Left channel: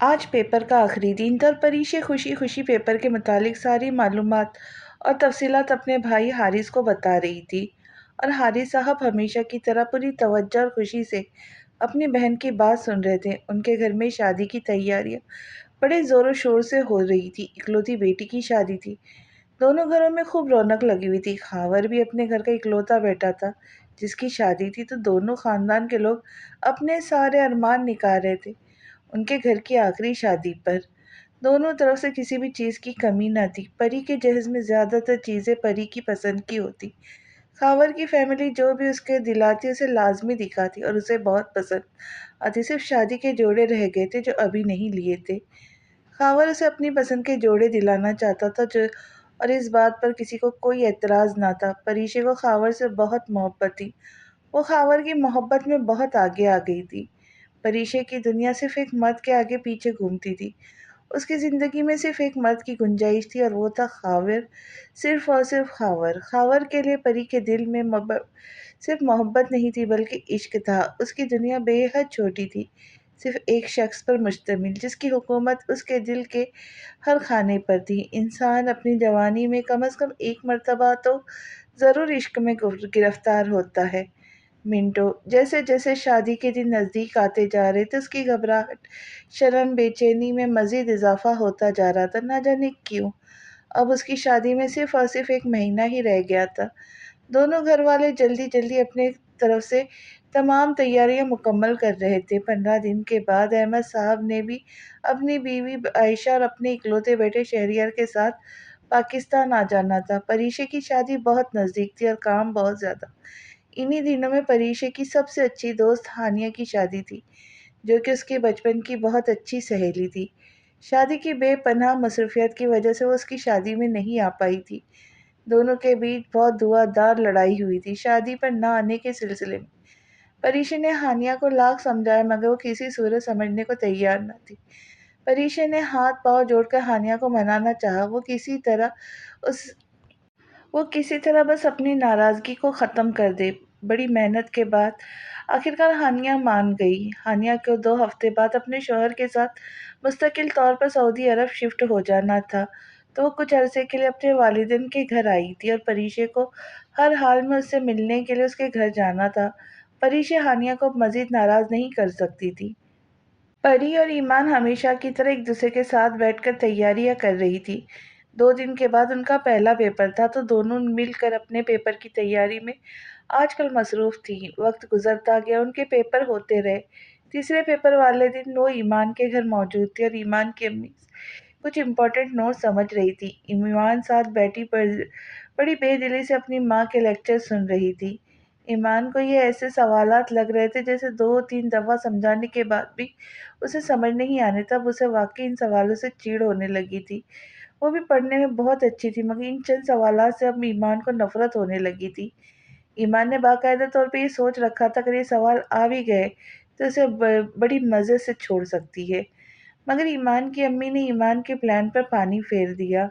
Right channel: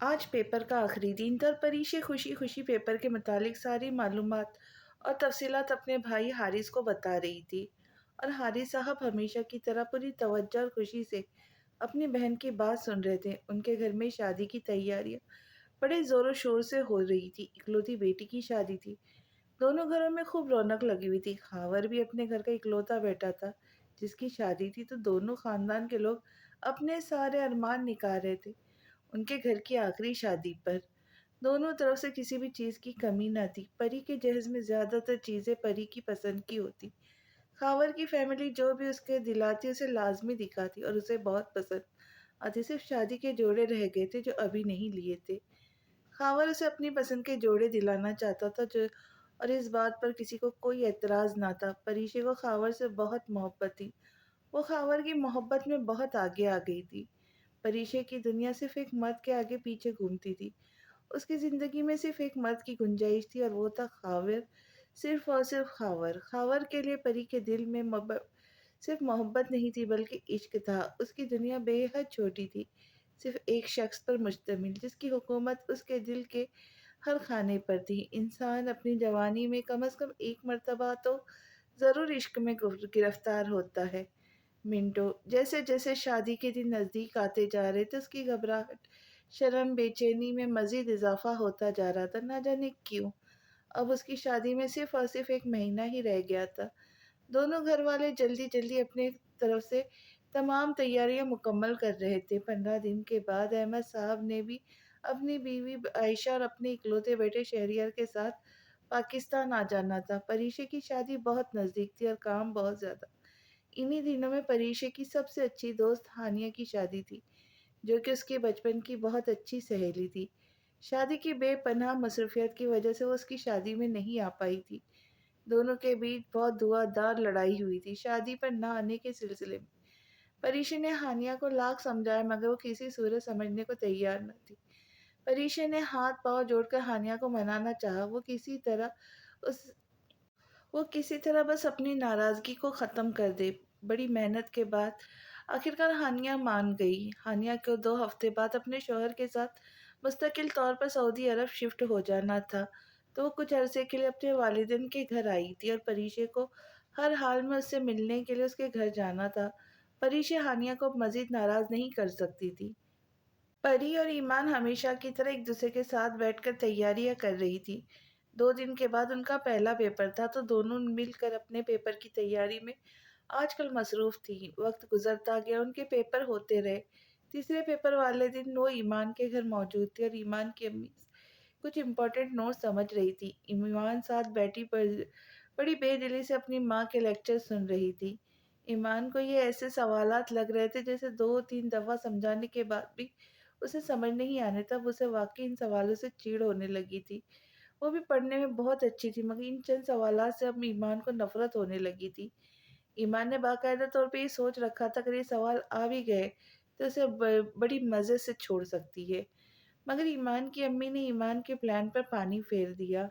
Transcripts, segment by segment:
آج پیپر کا آخری دن تھا اور پریشے خوشی خوشی پیپر کے متعلق ساری معلومات اور تفصیلات اپنے بھائی حارث کو بتا رہی تھی، اور حارث صاحب ہمیشہ کی طرح پوری توجہ اور خوشی سے اپنی بہن کی بات سن رہے تھے۔ ان کے گھر میں شادی کی تیاریاں بڑے زور و شور سے ہو رہی تھی۔ اکلوتی بیٹی کی شادی تھی، دونوں گھروں میں خوب رونق لگی ہوئی تھی۔ خاور بھی اپنے گھر کا اکلوتا بیٹا تھا جس کی شادی تھی، تو دونوں خاندان کے لوگ اپنے سارے ارمان نکال رہے تھے ان کے گھر کی آخری شادی پر۔ دونوں طرف سے کسی بھی چیز کی کمی نہ تھی۔ پری کے جہیز میں زیادہ تر چیزیں پری کی پسند کی ہوتی۔ خاور کی فیملی جو بھی اس کے دلاتی اسے لازمی دکھاتی اور اسے بہت پسند آتی۔ صرف شادی کے جوڑے رہ گئے تھے جو ابھی نہیں لیے تھے۔ خاور اسے اپنی پسند کے جوڑے دلانا چاہتا تھا اور اس بات پر کسی کو کوئی اعتراض نہ تھا۔ پریشے کو خاور سے بہت محبت تھی، وہ خاور کی محبت میں بہت آگے آ گئی تھی۔ پریشے کی دنیا صرف ایک مرد کے آگے پیچھے گھومتی تھی۔ اس کی زندگی میں صرف ایک مرد کی گنجائش تھی اور وہ تھا خاور، صرف اور صرف خاور۔ خاور کے لیے پری کے دل میں صرف محبت نہیں تھی بلکہ عشق تھا۔ اس کی دنیا بے حد چھوٹی تھی، صرف ایک شخص پر مشتمل جس کی حکومت اس کے دل کے ہر خانے پر تھی۔ انسان اپنی جوانی میں کم از کم ایک مرتبہ تو ضرور عشق میں گرفتار ہوتا ہے۔ منٹو جیسے جیسے شادی کے دن نزدیک آتے جا رہے تھے اس کی گھبراہٹ، شرم، بے چینی میں مزید اضافہ ہوتا جا رہا تھا۔ نہ جانے کیوں اب اس کی شادی میں صرف اور صرف ایک مہینہ ہی رہ گیا تھا۔ دونوں گھر والے جلدی جلدی اپنے طرف سے تمام تیاریاں مکمل کر رہے تھے۔ 15 دن کے بعد احمد صاحب نے بھی اپنی بیوی عائشہ اور اپنے اکلوتے بیٹے شہریار کے ساتھ پاکستان آ جانا تھا۔ پریشے کی شادی بہت نزدیک تھی اور کام بہت زیادہ۔ انہی دنوں میں پریشے کی سب سے اچھی دوست ہانیہ کی شادی تھی، جو کہ اس کے بچپن کی بہت اچھی سہیلی تھی۔ شادی کی بے پناہ مصروفیات کی وجہ سے وہ اس کی شادی میں نہیں آ پائی تھی۔ دونوں کے بیچ بہت دھواں دار لڑائی ہوئی تھی شادی پر نہ آنے کے سلسلے میں۔ پریشے نے ہانیہ کو لاکھ سمجھایا مگر وہ کسی صورت سمجھنے کو تیار نہ تھی۔ پریشے نے ہاتھ پاؤں جوڑ کر ہانیہ کو منانا چاہا، وہ کسی طرح بس اپنی ناراضگی کو ختم کر دے۔ بڑی محنت کے بعد آخرکار ہانیہ مان گئی۔ ہانیہ کو 2 ہفتے بعد اپنے شوہر کے ساتھ مستقل طور پر سعودی عرب شفٹ ہو جانا تھا، تو وہ کچھ عرصے کے لیے اپنے والدین کے گھر آئی تھی اور پریشے کو ہر حال میں اس سے ملنے کے لیے اس کے گھر جانا تھا۔ پریشے ہانیہ کو اب مزید ناراض نہیں کر سکتی تھی۔ پری اور ایمان ہمیشہ کی طرح ایک دوسرے کے ساتھ بیٹھ کر تیاریاں کر رہی تھی۔ 2 دن کے بعد ان کا پہلا پیپر تھا، تو دونوں مل کر اپنے پیپر کی تیاری میں آج کل مصروف تھیں۔ وقت گزرتا گیا، ان کے پیپر ہوتے رہے۔ تیسرے پیپر والے دن وہ ایمان کے گھر موجود تھی اور ایمان کی امی کچھ امپورٹنٹ نوٹ سمجھ رہی تھی۔ ایمان ساتھ بیٹھی بڑی بے دلی سے اپنی ماں کے لیکچر سن رہی تھی۔ ایمان کو یہ ایسے سوالات لگ رہے تھے جیسے 2-3 دفعہ سمجھانے کے بعد بھی اسے سمجھ نہیں آنے تھا۔ اب اسے واقعی ان سوالوں سے چڑ ہونے لگی تھی۔ وہ بھی پڑھنے میں بہت اچھی تھی مگر ان چند سوالات سے اب ایمان کو نفرت ہونے لگی تھی۔ ایمان نے باقاعدہ طور پہ یہ سوچ رکھا تھا اگر یہ سوال آ بھی گئے تو اسے بڑی مزے سے چھوڑ سکتی ہے، مگر ایمان کی امی نے ایمان کے پلان پر پانی پھیر دیا۔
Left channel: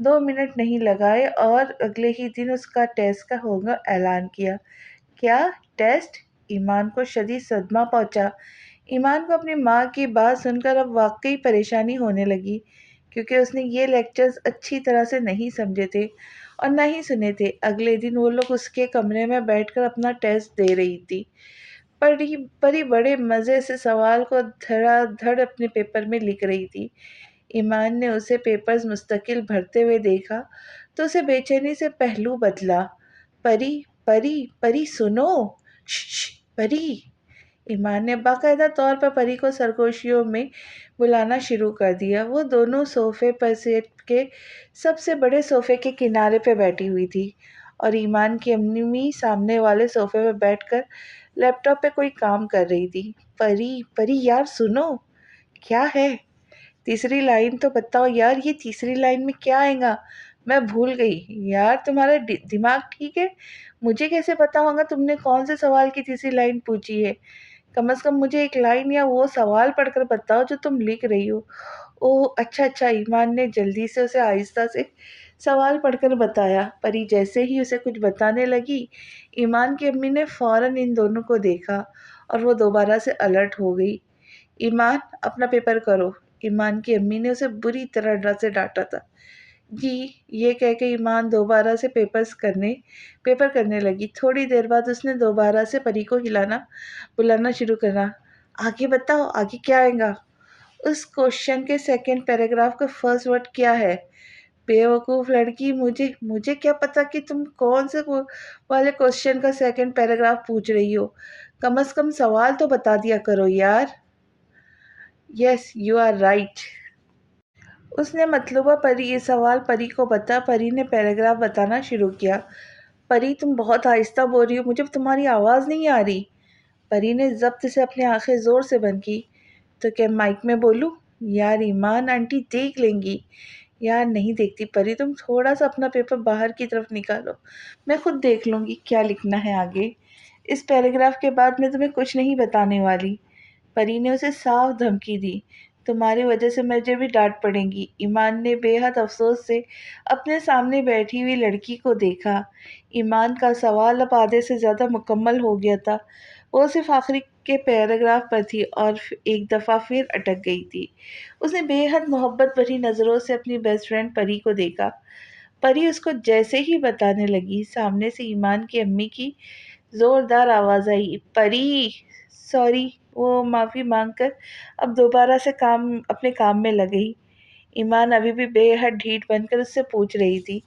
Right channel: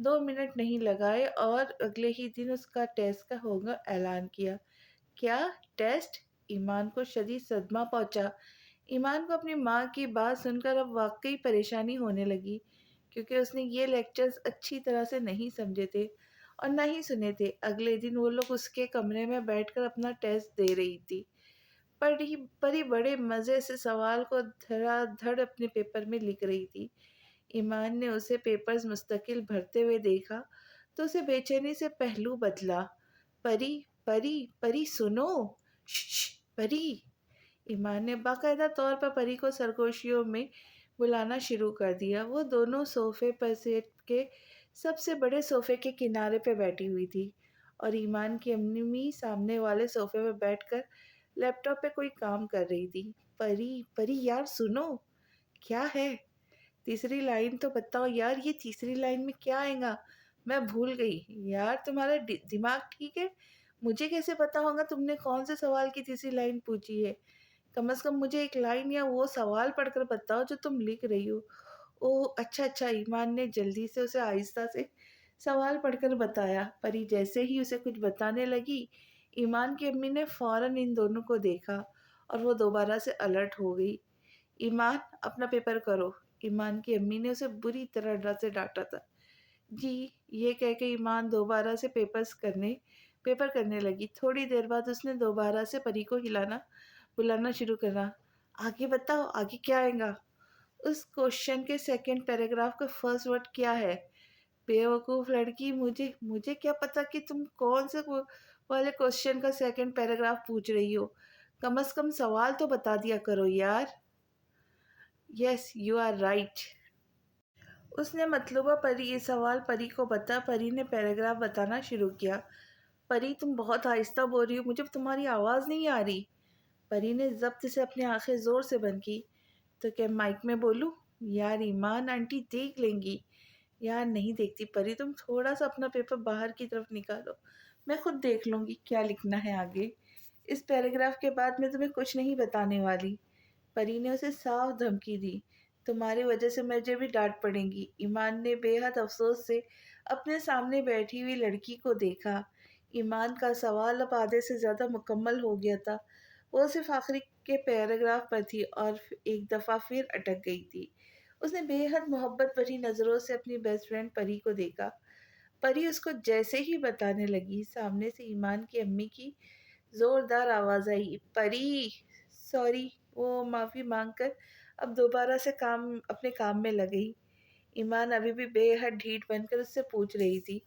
2 منٹ نہیں لگائے اور اگلے ہی دن اس کا ٹیسٹ کا ہوگا اعلان کیا۔ کیا ٹیسٹ؟ ایمان کو شدید صدمہ پہنچا۔ ایمان کو اپنی ماں کی بات سن کر اب واقعی پریشانی ہونے لگی، کیونکہ اس نے یہ لیکچرز اچھی طرح سے نہیں سمجھے تھے اور نہ ہی سنے تھے۔ اگلے دن وہ لوگ اس کے کمرے میں بیٹھ کر اپنا ٹیسٹ دے رہی تھی۔ پری بڑے مزے سے سوال کو دھڑا دھڑ اپنے پیپر میں لکھ رہی تھی۔ ایمان نے اسے پیپرز مستقل بھرتے ہوئے دیکھا تو اسے بے چینی سے پہلو بدلا۔ پری پری پری سنو، شش پری۔ ایمان نے باقاعدہ طور پر پری کو سرگوشیوں میں بلانا شروع کر دیا۔ وہ دونوں صوفے پر سیٹ کے سب سے بڑے صوفے کے کنارے پہ بیٹھی ہوئی تھی اور ایمان کی امی سامنے والے صوفے پہ بیٹھ کر لیپ ٹاپ پہ کوئی کام کر رہی تھی۔ پری پری یار سنو۔ کیا ہے؟ تیسری لائن تو بتاؤ یار، یہ تیسری لائن میں کیا آئے گا؟ میں بھول گئی یار، تمہارا دماغ ٹھیک ہے؟ مجھے کیسے پتا ہوگا تم نے کون سے سوال کی تیسری لائن پوچھی ہے؟ کم از کم مجھے ایک لائن یا وہ سوال پڑھ کر بتاؤ جو تم لکھ رہی ہو۔ اوہ اچھا، ایمان نے جلدی سے اسے آہستہ سے سوال پڑھ کر بتایا۔ پری جیسے ہی اسے کچھ بتانے لگی، ایمان کی امی نے فوراً ان دونوں کو دیکھا اور وہ دوبارہ سے الرٹ ہو گئی۔ ایمان اپنا پیپر کرو۔ ایمان کی امی نے اسے بری طرح سے ڈانٹا تھا۔ جی، یہ کہہ کے ایمان دوبارہ سے پیپر کرنے لگی۔ تھوڑی دیر بعد اس نے دوبارہ سے پری کو بلانا شروع کرا۔ آگے بتاؤ، آگے کیا آئے گا؟ اس کوشچن کے سیکنڈ پیراگراف کا فرسٹ ورڈ کیا ہے؟ بیوقوف لڑکی، مجھے کیا پتا کہ تم کون سے والے کوشچن کا سیکنڈ پیراگراف پوچھ رہی ہو؟ کم از کم سوال تو بتا دیا کرو یار۔ Yes you are right. اس نے مطلوبہ یہ سوال پری کو بتا۔ پری نے پیراگراف بتانا شروع کیا۔ پری، تم بہت آہستہ بول رہی ہو، مجھے تمہاری آواز نہیں آ رہی۔ پری نے ضبط سے اپنی آنکھیں زور سے بند کی۔ تو کیا مائک میں بولوں؟ یار ایمان، آنٹی دیکھ لیں گی۔ یار نہیں دیکھتی پری، تم تھوڑا سا اپنا پیپر باہر کی طرف نکالو، میں خود دیکھ لوں گی کیا لکھنا ہے آگے۔ اس پیراگراف کے بعد میں تمہیں کچھ نہیں بتانے والی۔ پری نے اسے صاف دھمکی دی۔ تمہاری وجہ سے مجھے بھی ڈانٹ پڑے گی۔ ایمان نے بے حد افسوس سے اپنے سامنے بیٹھی ہوئی لڑکی کو دیکھا۔ ایمان کا سوال اب آدھے سے زیادہ مکمل ہو گیا تھا۔ وہ صرف آخری کے پیراگراف پر تھی اور ایک دفعہ پھر اٹک گئی تھی۔ اس نے بے حد محبت بھری نظروں سے اپنی بیسٹ فرینڈ پری کو دیکھا۔ پری اس کو جیسے ہی بتانے لگی، سامنے سے ایمان کی امی کی زوردار آواز آئی، پری سوری۔ وہ معافی مانگ کر اب دوبارہ سے اپنے کام میں لگ گئی۔ ایمان ابھی بھی بے حد ڈھیٹ بن کر اس سے پوچھ رہی تھی۔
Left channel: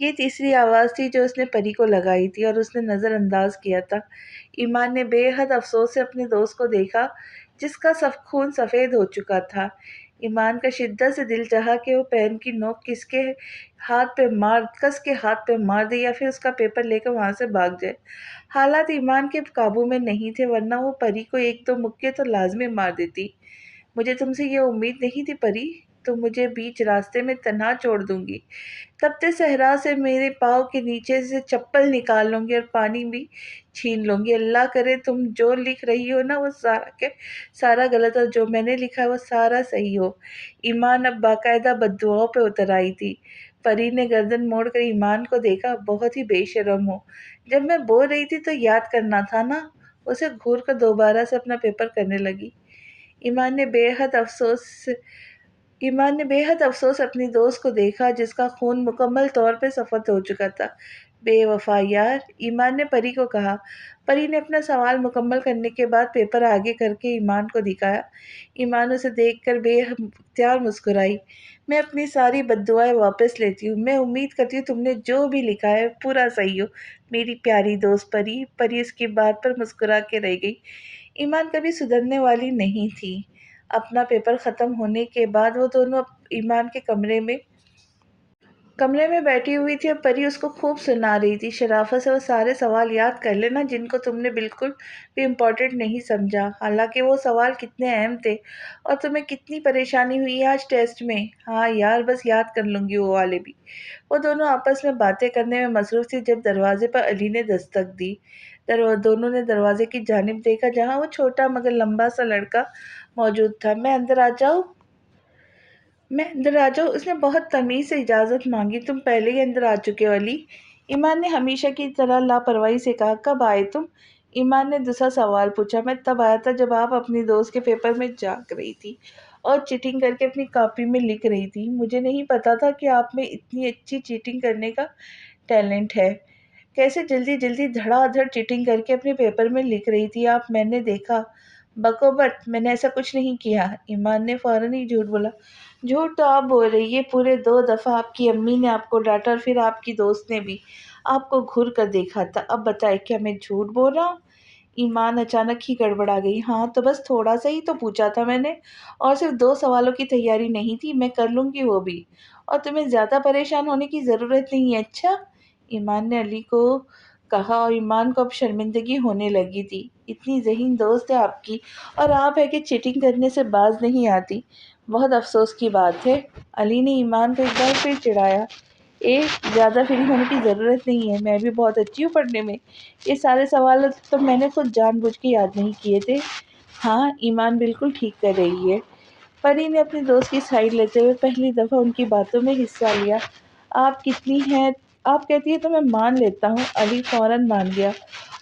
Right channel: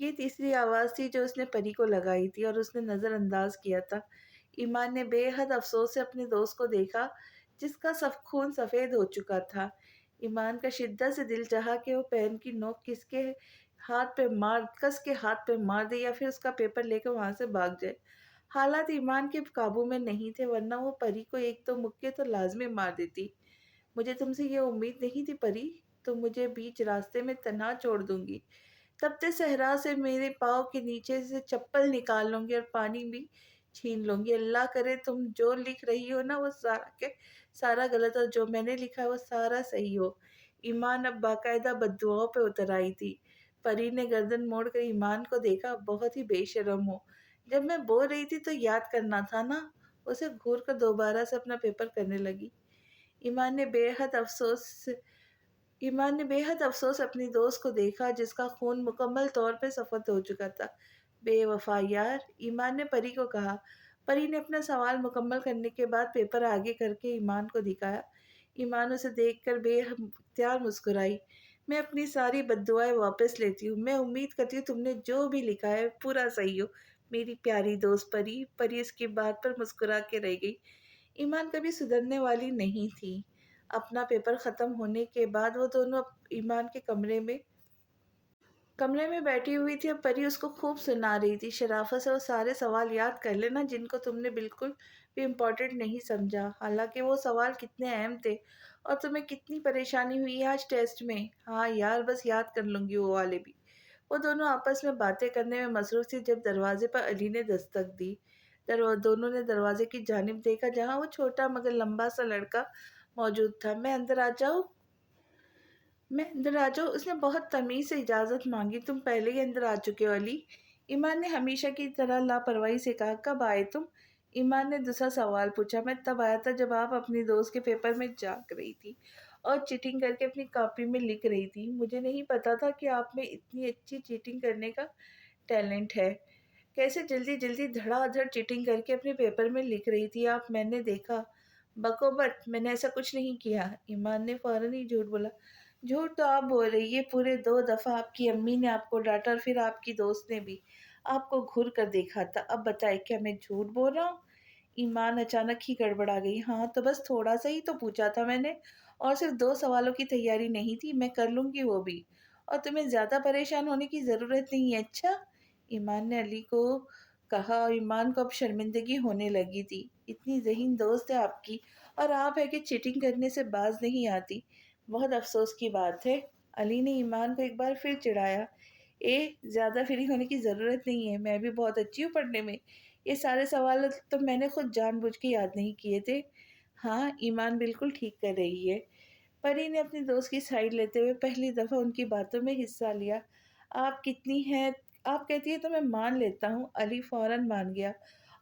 یہ تیسری آواز تھی جو اس نے پری کو لگائی تھی اور اس نے نظر انداز کیا تھا۔ ایمان نے بے حد افسوس سے اپنے دوست کو دیکھا جس کا خون سفید ہو چکا تھا۔ ایمان کا شدت سے دل چاہا کہ وہ پین کی نوک کس کے ہاتھ پہ مار دے یا پھر اس کا پیپر لے کر وہاں سے بھاگ جائے۔ حالات ایمان کے قابو میں نہیں تھے، ورنہ وہ پری کو ایک دو مکے تو لازمی مار دیتی۔ مجھے تم سے یہ امید نہیں تھی پری، تم مجھے بیچ راستے میں تنہا چھوڑ دوں گی۔ تپتے صحرا سے میرے پاؤں کے نیچے سے چپل نکال لوں گی اور پانی بھی چھین لوں گی۔ اللہ کرے تم جو لکھ رہی ہو نا وہ سارا غلط، اور جو میں نے لکھا ہے وہ سارا صحیح ہو۔ ایمان اب باقاعدہ بددعاؤں پہ اتر آئی تھی۔ پری نے گردن موڑ کر ایمان کو دیکھا، بہت ہی بے شرم ہو، جب میں بول رہی تھی تو یاد کرنا تھا نا۔ اسے گھور کر دوبارہ سے اپنا پیپر کرنے لگی۔ ایمان نے بے حد افسوس اپنی دوست کو دیکھا جس کا خون مکمل طور پہ سفید ہو چکا تھا۔ بے وفا یار، ایمان نے پری کو کہا۔ پری نے اپنا سوال مکمل کرنے کے بعد پیپر آگے کر کے ایمان کو دکھایا۔ ایمان اسے دیکھ کر بے اختیار مسکرائی۔ میں اپنی ساری بددعائیں واپس لیتی ہوں۔ میں امید کرتی ہوں تم نے جو بھی لکھا ہے پورا صحیح ہو، میری پیاری دوست پری۔ پری اس کی بات پر مسکرا کے رہ گئی۔ ایمان کبھی سدھرنے والی نہیں تھی۔ اپنا پیپر ختم ہونے کے بعد وہ دونوں ایمان کے کمرے میں بیٹھی ہوئی تھی اور پری اس کو خوب سنا رہی تھی۔ شرافت سے وہ سارے سوال یاد کر لینا جن کو تم نے بالکل بھی امپورٹنٹ نہیں سمجھا، حالانکہ وہ سوال کتنے اہم تھے، اور تمہیں کتنی پریشانی ہوئی آج ٹیسٹ میں۔ ہاں یار، بس یاد کر لوں گی وہ والے بھی۔ وہ دونوں آپس میں باتیں کرنے میں مصروف تھی جب دروازے پر علی نے دستک دی۔ دونوں نے دروازے کی جانب دیکھا جہاں وہ چھوٹا مگر لمبا سا لڑکا موجود تھا۔ میں اندر آ جاؤں؟ اس نے بہت تمیز سے اجازت مانگی۔ تم پہلے ہی اندر آ چکے ہو علی، ایمان نے ہمیشہ کی طرح لاپرواہی سے کہا۔ کب آئے تم؟ ایمان نے دوسرا سوال پوچھا۔ میں تب آیا تھا جب آپ اپنی دوست کے پیپر میں جھانک رہی تھی اور چیٹنگ کر کے اپنی کاپی میں لکھ رہی تھی۔ مجھے نہیں پتا تھا کہ آپ میں اتنی اچھی چیٹنگ کرنے کا ٹیلنٹ ہے۔ کیسے جلدی دھڑا دھڑ چیٹنگ کر کے اپنے پیپر میں لکھ رہی تھی آپ، میں نے دیکھا۔ بکو بٹ، میں نے ایسا کچھ نہیں کیا۔ ایمان نے فوراً ہی جھوٹ بولا۔ جھوٹ تو آپ بول رہی ہے، پورے 2 دفعہ آپ کی امی نے آپ کو ڈانٹا اور پھر آپ کی دوست نے بھی آپ کو گھور کر دیکھا تھا۔ اب بتائے کیا میں جھوٹ بول رہا ہوں؟ ایمان اچانک ہی گڑبڑا گئی۔ ہاں تو بس تھوڑا سا ہی تو پوچھا تھا میں نے، اور صرف 2 سوالوں کی تیاری نہیں تھی، میں کر لوں گی وہ بھی، اور تمہیں زیادہ پریشان ہونے کی ضرورت نہیں ہے۔ اچھا، ایمان نے علی کو کہا، اور ایمان کو اب شرمندگی ہونے لگی تھی۔ اتنی ذہین دوست ہے آپ کی، اور آپ ہے کہ چیٹنگ کرنے سے باز نہیں آتی، بہت افسوس کی بات ہے۔ علی نے ایمان کو ایک بار پھر چڑھایا۔ زیادہ فری ہونے کی ضرورت نہیں ہے، میں بھی بہت اچھی ہوں پڑھنے میں، یہ سارے سوال تو میں نے خود جان بوجھ کے یاد نہیں کیے تھے۔ ہاں، ایمان بالکل ٹھیک کر رہی ہے۔ پری نے اپنی دوست کی سائیڈ لیتے ہوئے پہلی دفعہ ان کی باتوں میں حصہ لیا۔ آپ کہتی ہیں تو میں مان لیتا ہوں۔ علی فوراً مان گیا۔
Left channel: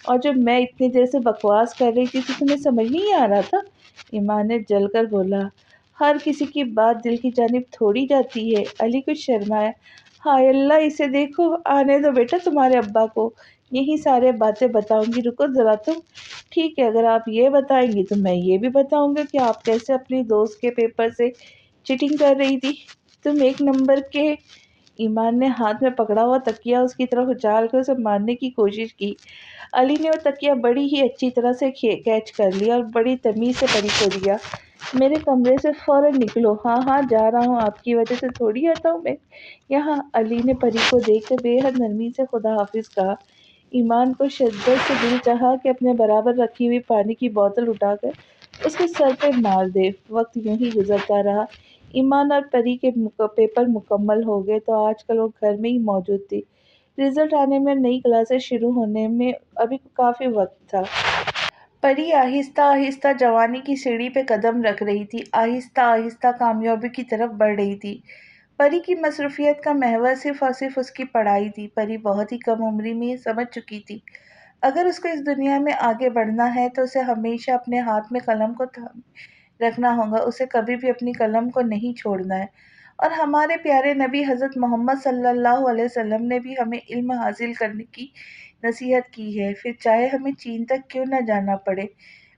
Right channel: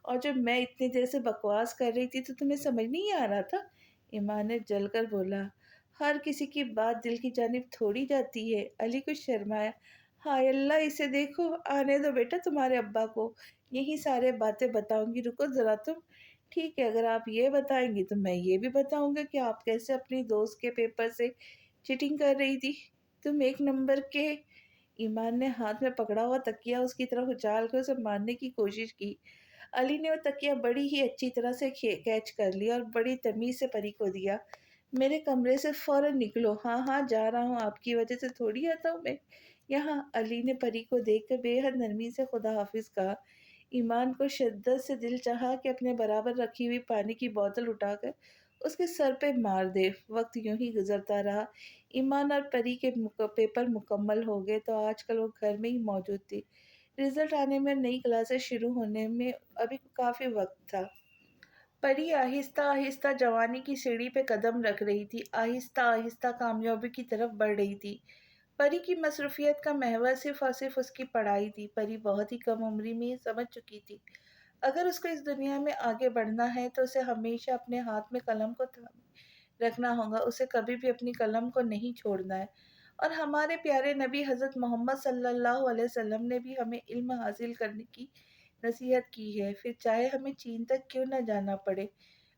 اور جب میں اتنی دیر سے بکواس کر رہی تھی تو تمہیں سمجھ نہیں آ رہا تھا؟ ایمان نے جل کر بولا، ہر کسی کی بات دل کی جانب تھوڑی جاتی ہے۔ علی کچھ شرمایا، ہائے اللہ، اسے دیکھو، آنے دو بیٹا تمہارے ابا کو، یہی سارے باتیں بتاؤں گی، رکو ذرا تم۔ ٹھیک ہے، اگر آپ یہ بتائیں گی تو میں یہ بھی بتاؤں گا کہ آپ کیسے اپنی دوست کے پیپر سے چیٹنگ کر رہی تھی۔ تم ایک نمبر کے۔ ایمان نے ہاتھ میں پکڑا ہوا تکیہ اس کی طرف اچھال کر اسے مارنے کی کوشش کی۔ علی نے وہ تکیہ بڑی ہی اچھی طرح سے کیچ کر لیا اور بڑی تمیز سے پری کو دیا، میرے کمرے سے فوراً نکلو۔ ہاں ہاں جا رہا ہوں، آپ کی وجہ سے تھوڑی آتا ہوں میں یہاں۔ علی نے پری کو دیکھ کر بے حد نرمی سے خدا حافظ کہا۔ ایمان کو شدت سے دل چاہا کہ اپنے برابر رکھی ہوئی پانی کی بوتل اٹھا کر اس کے سر پہ مار دے۔ وقت یوں ہی گزرتا رہا۔ ایمان اور پری کے پیپر مکمل ہو گئے تو آج کل وہ گھر میں ہی موجود تھی۔ رزلٹ آنے میں، نئی کلاسیں شروع ہونے میں ابھی کافی وقت تھا۔ پری آہستہ آہستہ جوانی کی سیڑھی پہ قدم رکھ رہی تھی، آہستہ آہستہ کامیابی کی طرف بڑھ رہی تھی۔ پری کی مصروفیت کا محور صرف اور صرف اس کی پڑھائی تھی۔ پری بہت ہی کم عمری میں یہ سمجھ چکی تھی، اگر اس کو اس دنیا میں آگے بڑھنا ہے تو اسے ہمیشہ اپنے ہاتھ میں قلم کو تھامے رکھنا ہوگا، اسے کبھی بھی اپنی قلم کو نہیں چھوڑنا ہے۔ اور ہمارے پیارے نبی حضرت محمد صلی اللہ علیہ وسلم نے بھی ہمیں علم حاصل کرنے کی نصیحت کی ہے، پھر چاہے ہمیں چین تک کیوں نہ جانا پڑے۔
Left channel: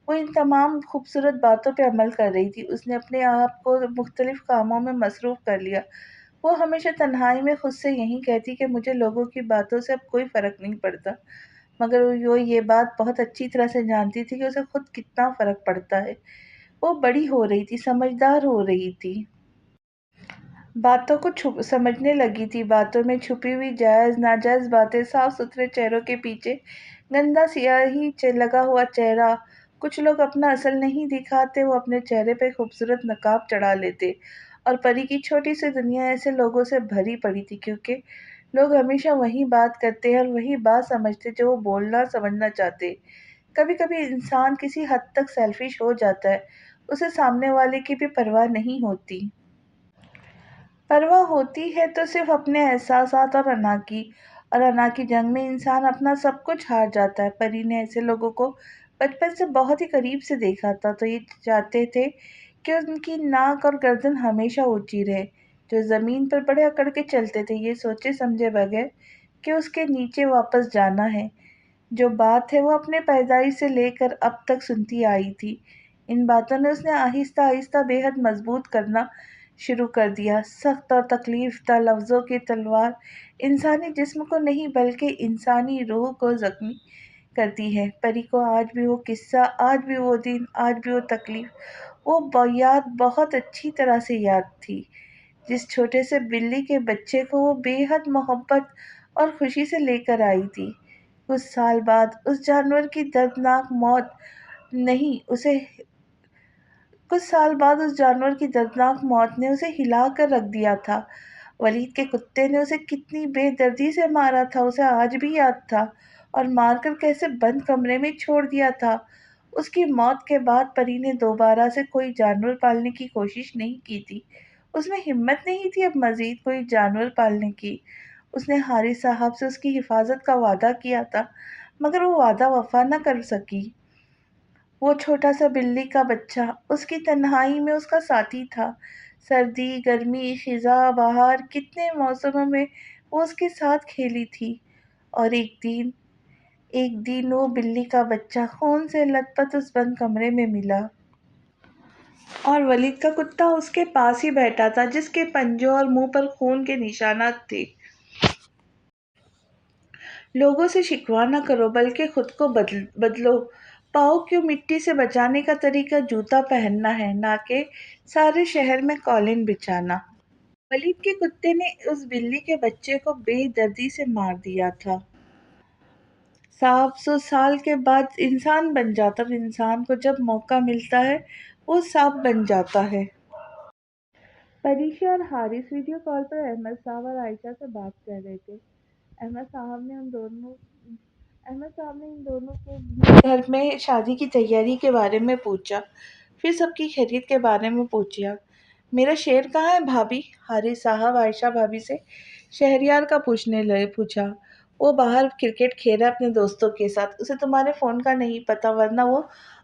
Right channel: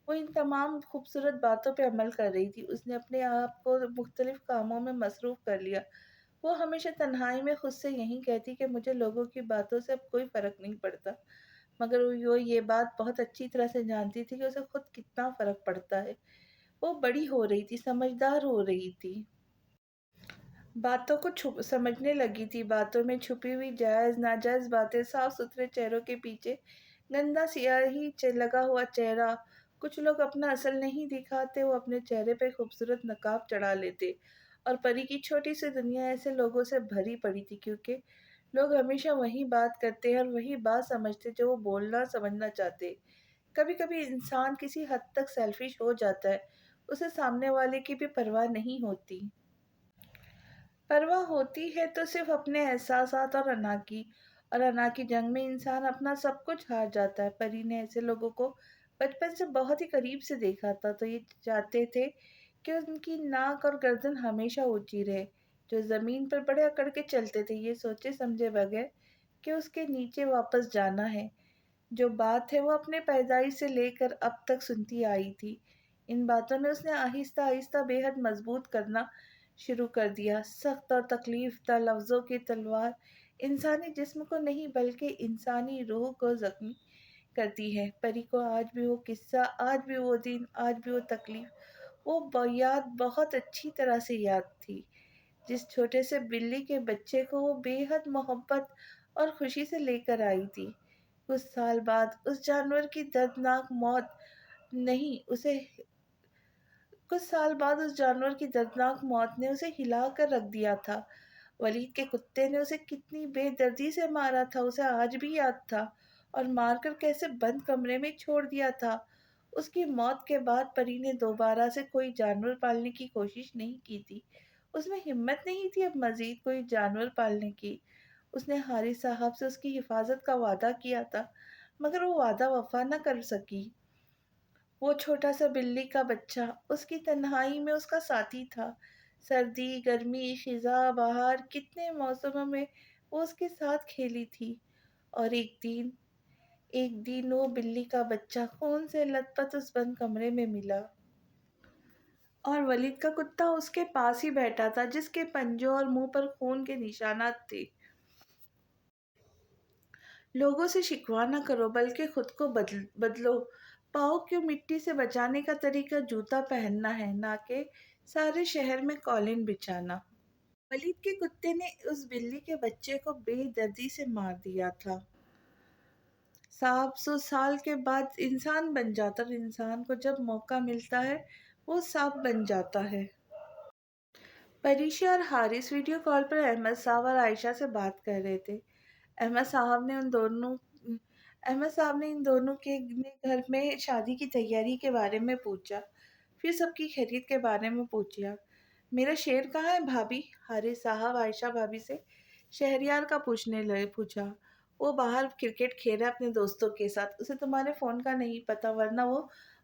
وہ ان تمام خوبصورت باتوں پہ عمل کر رہی تھی۔ اس نے اپنے آپ کو مختلف کاموں میں مصروف کر لیا۔ وہ ہمیشہ تنہائی میں خود سے یہی کہتی کہ مجھے لوگوں کی باتوں سے اب کوئی فرق نہیں پڑتا، مگر وہ یہ بات بہت اچھی طرح سے جانتی تھی کہ اسے خود کتنا فرق پڑتا ہے۔ وہ بڑی ہو رہی تھی، سمجھدار ہو رہی تھی، باتوں کو سمجھنے لگی تھی، باتوں میں چھپی ہوئی جائز ناجائز باتیں، صاف ستھرے چہروں کے پیچھے گندا سیاہی لگا ہوا چہرہ۔ کچھ لوگ اپنا اصل نہیں دکھاتے، وہ اپنے چہرے پہ خوبصورت نقاب چڑھا لیتے، اور پری کی چھوٹی سی دنیا ایسے لوگوں سے بھری پڑی تھی، کیونکہ لوگ ہمیشہ وہی بات کرتے ہیں اور وہی بات سمجھتے جو وہ بولنا سمجھنا چاہتے۔ کبھی کبھی انسان کسی حد تک سیلفش ہو جاتا ہے، اسے سامنے والے کی بھی پرواہ نہیں ہوتی۔ پرواہ ہوتی ہے تو صرف اپنے احساسات اور انا کی جنگ میں انسان اپنا سب کچھ ہار جاتا ہے۔ پری نے ایسے لوگوں کو بچپن سے بہت ہی قریب سے دیکھا تھا، تو یہ چاہتے تھے کہ ان کی ناک اور گردن ہمیشہ اونچی رہے، جو زمین پر بڑے اکڑ کے چلتے تھے، یہ سوچے سمجھے بغیر کہ اس کے نیچے واپس جانا ہے۔ جو بات ہے وہ اپنے پیدائش سے لے کر اب تک سنتی آئی تھی، ان باتوں نے اس نے آہستہ آہستہ بے حد مضبوط کرنا شروع کر دیا۔ سخت اور تکلیف دہ لفظوں کی تلوار انسانی جسم کو نہیں بلکہ انسانی روح کو زخمی کرتی ہے۔ پری کو آج بھی وہ قصہ، آج بھی وہ دن، آج بھی وہ تکلیف، وہ یاد بہت اچھی طرح سے یاد تھی، جس چھوٹے سے بلی کے بچے کو وہ بے حد محبت اور خوشی سے لے کر آئی تھی۔ کچھ سال بعد اس جانور کی دردناک موت نہیں اسے کچھ سال بعد اس جانور کی دردناک موت نے اسے ہلا کر رکھ دیا تھا۔ ولید کے کتے نے اسے کتنی بے دردی سے مارا تھا، اسے آج بھی یاد تھا، اور مار کر کیسے بند کمرے میں چھوڑ دیا تھا۔ اس کی موت کے بعد پری نے دوبارہ سے کوئی جانور پالنے کی کوشش نہیں کی تھی، اس میں ہمت نہیں تھی اب مزید کوئی جانور پالنے کی۔ اس نے حارث صاحب سے اس کی حفاظت کا وعدہ کیا تھا، مگر وہ وعدہ وفا نہ کر سکی۔ وہ چھوٹا سا بلی کا بچہ اس کی تنہائی میں اس کا ساتھی تھا، سردی، گرمی، خزاں، بہار، کتنے موسموں میں وہ اس کے ساتھ کھیلی تھی۔ اور ایک دن وہ بلی کا بچہ خون سے لت پت اس بند کمرے میں ملا، اور ولید کا کتا اس کے پاس ہی بیٹھا تھا، جس کے پنجوں اور منہ پر خون کے نشانات تھے۔ لوگوں سے شکوہ نہ کرو بلکہ خود کو بدلو۔ پاؤں کو مٹی سے بچانے کا طریقہ جوتا پہننا ہے، نہ کہ سارے شہر میں قالین بچھانا۔ ولید کے کتے نے اس بلی کے بچے کو بے دردی سے مار دیا تھا۔ 700 سال کے بعد انسان بن جاتا، اور انسان کو جب موقع ملتا ہے وہ سانپ بن جاتا ہے۔ پریشا اور حارث ویڈیو کال پر احمد صاحب اور عائشہ سے بات کر رہے تھے۔ احمد صاحب نے ان دونوں کے گھر میں شادی کی تیاری کے بارے میں پوچھا، پھر سب کی خیریت کے بارے میں پوچھا۔ میرا شیر کہاں ہے بھابھی؟ حارث صاحب عائشہ بھابھی سے شہریار کا پوچھا۔ وہ باہر کرکٹ کھیل رہا ہے اپنے دوستوں کے ساتھ، اسے تمہارے فون کا نہیں پتا، ورنہ وہ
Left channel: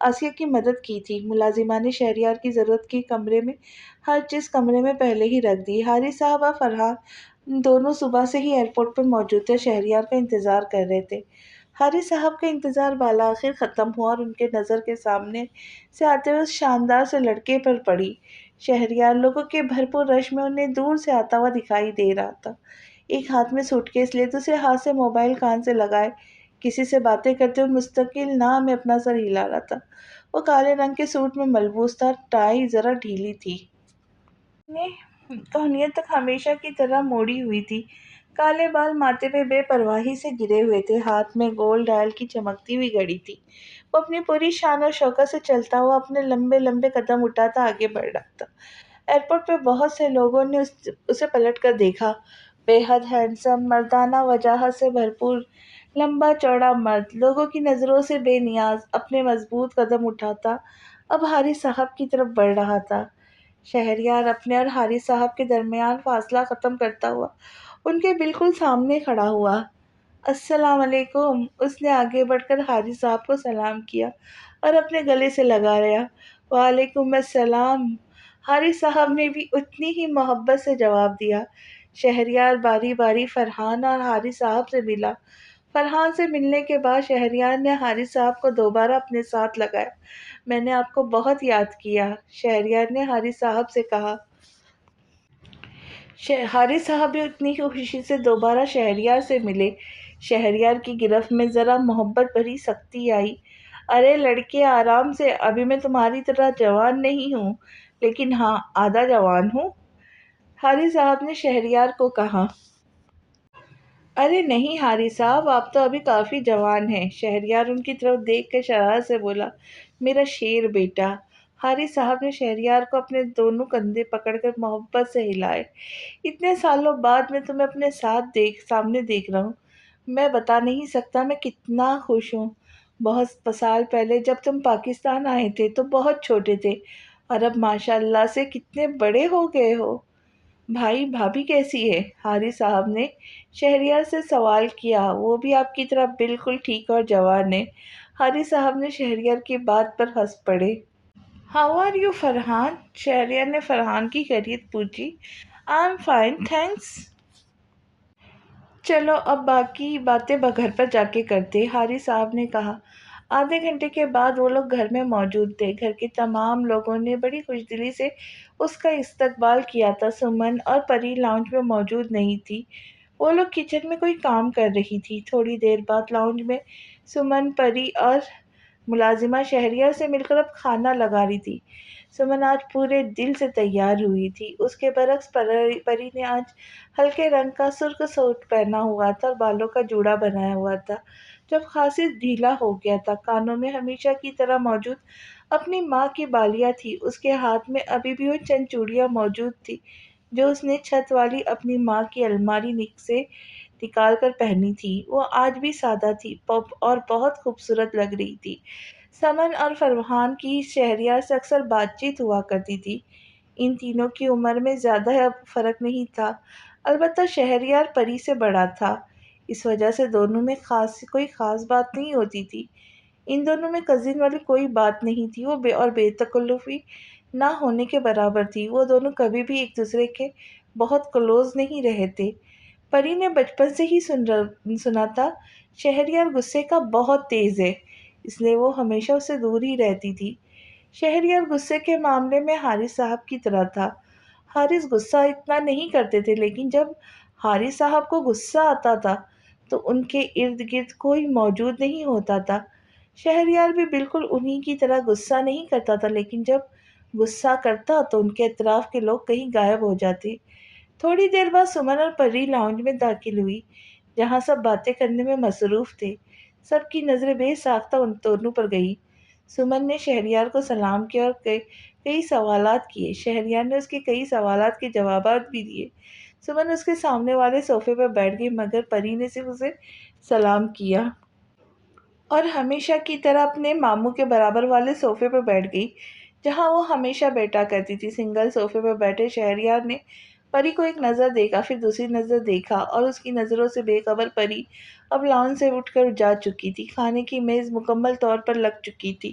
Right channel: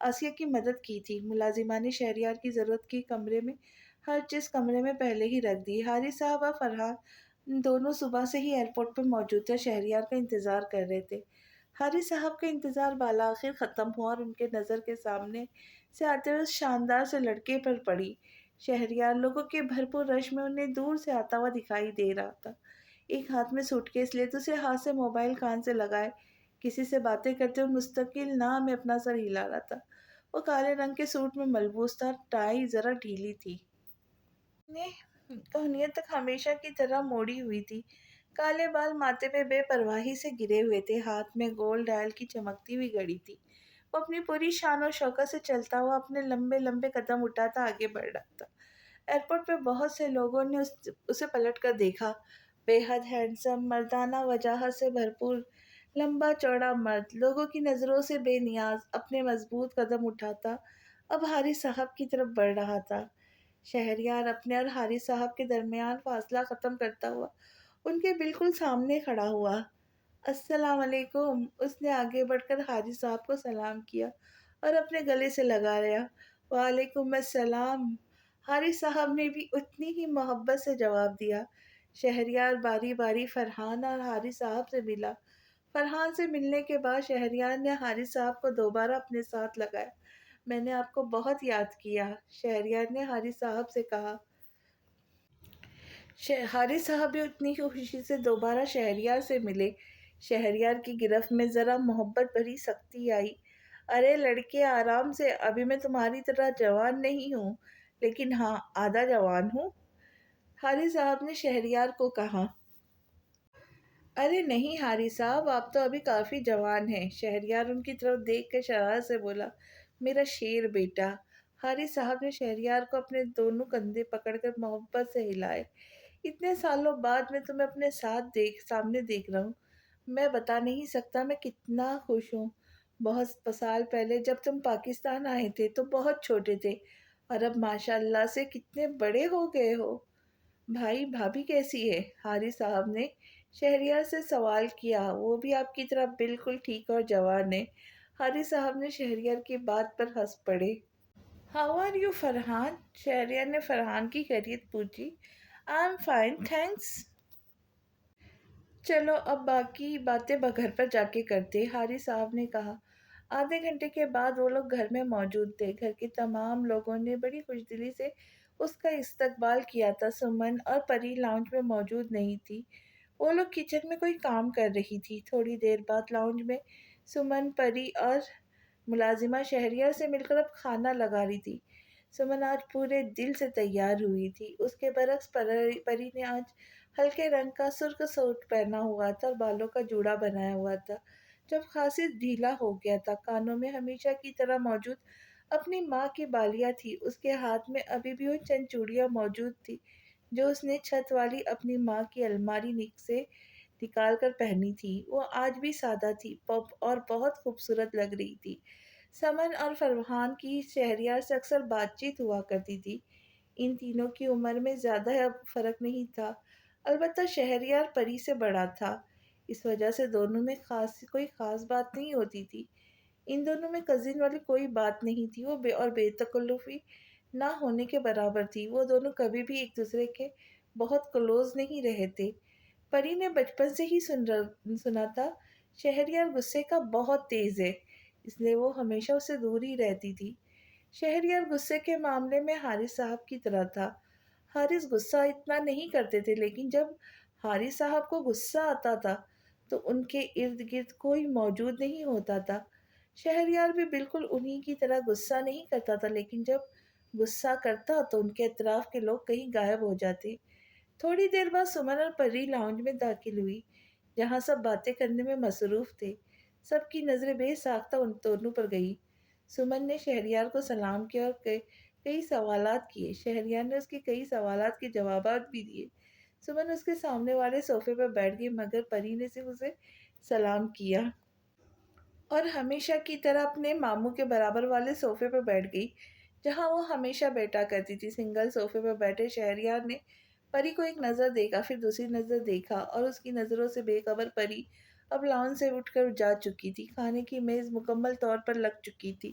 آسیہ کی مدد کی تھی۔ ملازمہ نے شہریار کی ضرورت کی کمرے میں ہر چیز کمرے میں پہلے ہی رکھ دی۔ حارث صاحب اور فرحان دونوں صبح سے ہی ایئرپورٹ پر موجود تھے، شہریار کا انتظار کر رہے تھے۔ حارث صاحب کا انتظار بالآخر ختم ہوا اور ان کے نظر کے سامنے سے آتے ہوئے اس شاندار سے لڑکے پر پڑی۔ شہریار لوگوں کے بھرپور رش میں انہیں دور سے آتا ہوا دکھائی دے رہا تھا، ایک ہاتھ میں سوٹ کیس لیے دوسرے ہاتھ سے موبائل کان سے لگائے کسی سے باتیں کرتے ہوئے مستقل نہ میں اپنا سر ہلا رہا تھا۔ وہ کالے رنگ کے سوٹ میں ملبوس تھا، ٹائی ذرا ڈھیلی تھی، کہنیت تک ہمیشہ کی طرح موڑی ہوئی تھی، کالے بال ماتھے پہ بے پرواہی سے گرے ہوئے تھے، ہاتھ میں گولڈ ڈائل کی چمکتی ہوئی گھڑی تھی۔ وہ اپنی پوری شان و شوکت سے چلتا ہوا اپنے لمبے لمبے قدم اٹھاتا آگے بڑھ رہا تھا۔ ایئرپورٹ پہ بہت سے لوگوں نے اسے پلٹ کر دیکھا۔ بے حد ہینڈسم، مردانہ وجاہت سے بھرپور، لمبا چوڑا مرد، لوگوں کی نظروں سے بے نیاز، اپنے مضبوط قدم اٹھاتا اب حارث صاحب کی طرف بڑھ رہا تھا۔ شہریار اپنے اور حارث صاحب کے درمیان فاصلہ ختم کرتا ہوا ان کے بالکل سامنے کھڑا ہوا۔ السلام علیکم، اس نے آگے بڑھ کر حارث صاحب کو سلام کیا اور اپنے گلے سے لگا لیا۔ وعلیکم السلام، حارث صاحب نے بھی اتنی ہی محبت سے جواب دیا۔ شہریار باری باری فرحان اور حارث صاحب سے ملا۔ فرحان سے ملنے کے بعد شہریار نے حارث صاحب کو دوبارہ اپنے ساتھ لگایا۔ میں نے آپ کو بہت یاد کیا، شہریار نے حارث صاحب سے کہا۔ حارث صاحب بھی اتنی ہی خوشی سے دوبارہ شہریار سے ملے۔ شہریار کی گرفت میں ذرا محبت بھری سختی آئی۔ ارے لڑکے آرام سے، ابھی میں تمہاری طرح جوان نہیں ہوں، لیکن ہاں آدھا جوان ہوں، حارث صاحب نے شہریار کو کہا۔ ارے نہیں حارث صاحب، آپ تو ابھی کافی جوان ہیں، شہریار ان کی طرف دیکھ کر شرارت سے بولا۔ میرا شیر بیٹا، حارث صاحب نے شہریار کو اپنے دونوں کندھے پکڑ کر محبت سے ہلائے۔ اتنے سالوں بعد میں تمہیں اپنے سامنے دیکھ رہا ہوں، میں بتا نہیں سکتا میں کتنا خوش ہوں۔ بہت سال پہلے جب تم پاکستان آئے تھے تو بہت چھوٹے تھے، اور اب ماشاء اللہ سے کتنے بڑے ہو گئے ہو۔ بھائی بھابھی کیسی ہے؟ حارث صاحب نے شہریار سے سوال کیا۔ وہ بھی آپ کی طرح بالکل ٹھیک اور جوان ہے، حارث صاحب نے شہریار کی بات پر ہنس پڑے۔ How are you Farhan? Shahryar نے فرحان کی خیریت پوچھی۔ I am fine thanks. چلو اب باقی باتیں گھر پر جا کے کرتے، حارث صاحب نے کہا۔ آدھے گھنٹے کے بعد وہ لوگ گھر میں موجود تھے۔ گھر کے تمام لوگوں نے بڑی خوشدلی سے اس کا استقبال کیا تھا۔ سمن اور پری لاؤنج میں موجود نہیں تھی، وہ لوگ کچن میں کوئی کام کر رہی تھی۔ تھوڑی دیر بعد لاؤنج میں سمن، پری اور ملازمہ شہریار سے مل کر اب کھانا لگا رہی تھی۔ سمن آج پورے دل سے تیار ہوئی تھی، اس کے برعکس پری نے آج ہلکے رنگ کا سرخ سوٹ پہنا ہوا تھا اور بالوں کا جوڑا بنایا ہوا تھا جو خاصی ڈھیلا ہو گیا تھا۔ کانوں میں ہمیشہ کی طرح موجود اپنی ماں کی بالیاں تھی، اس کے ہاتھ میں ابھی بھی وہ چند چوڑیاں موجود تھی جو اس نے چھت والی اپنی ماں کی الماری سے نکال کر پہنی تھی۔ وہ آج بھی سادہ تھی اور بہت خوبصورت لگ رہی تھی۔ سمن اور فرحان کی شہریار سے اکثر بات چیت ہوا کرتی تھی۔ ان تینوں کی عمر میں زیادہ فرق نہیں تھا، البتہ شہریار پری سے بڑا تھا، اس وجہ سے دونوں میں کوئی خاص بات نہیں ہوتی تھی۔ ان دونوں میں کزن والی کوئی بات نہیں تھی، وہ بے تکلفی نہ ہونے کے برابر تھی۔ وہ دونوں کبھی بھی ایک دوسرے کے بہت کلوز نہیں رہے تھے۔ پری نے بچپن سے ہی سنا تھا شہریار غصے کا بہت تیز ہے، اس لیے وہ ہمیشہ اسے دور ہی رہتی تھی۔ شہریار غصے کے معاملے میں حارث صاحب کی طرح تھا۔ حارث غصہ اتنا نہیں کرتے تھے، لیکن جب حارث صاحب کو غصہ آتا تھا تو ان کے ارد گرد کوئی موجود نہیں ہوتا تھا۔ شہریار بھی بالکل انہی کی طرح غصہ نہیں کرتا تھا، لیکن جب غصہ کرتا تو ان کے اطراف کے لوگ کہیں غائب ہو جاتے۔ تھوڑی دیر بعد سمن اور پری لاؤنج میں داخل ہوئی، جہاں سب باتیں کرنے میں مصروف تھے۔ سب کی نظریں بے ساختہ ان دونوں پر گئی۔ سمن نے شہریار کو سلام کیا اور کئی سوالات کیے۔ شہریار نے اس کے کئی سوالات کے جوابات بھی دیے۔ سمن اس کے سامنے والے صوفے پر بیٹھ گئی، مگر پری نے صرف اسے سلام کیا اور ہمیشہ کی طرح اپنے ماموں کے برابر والے صوفے پر بیٹھ گئی جہاں وہ ہمیشہ بیٹھا کرتی تھی۔ سنگل صوفے پر بیٹھے شہریار نے پری کو ایک نظر دیکھا، پھر دوسری نظر دیکھا، اور اس کی نظروں سے بے خبر پری اب لاؤنج سے اٹھ کر جا چکی تھی۔ کھانے کی میز مکمل طور پر لگ چکی تھی،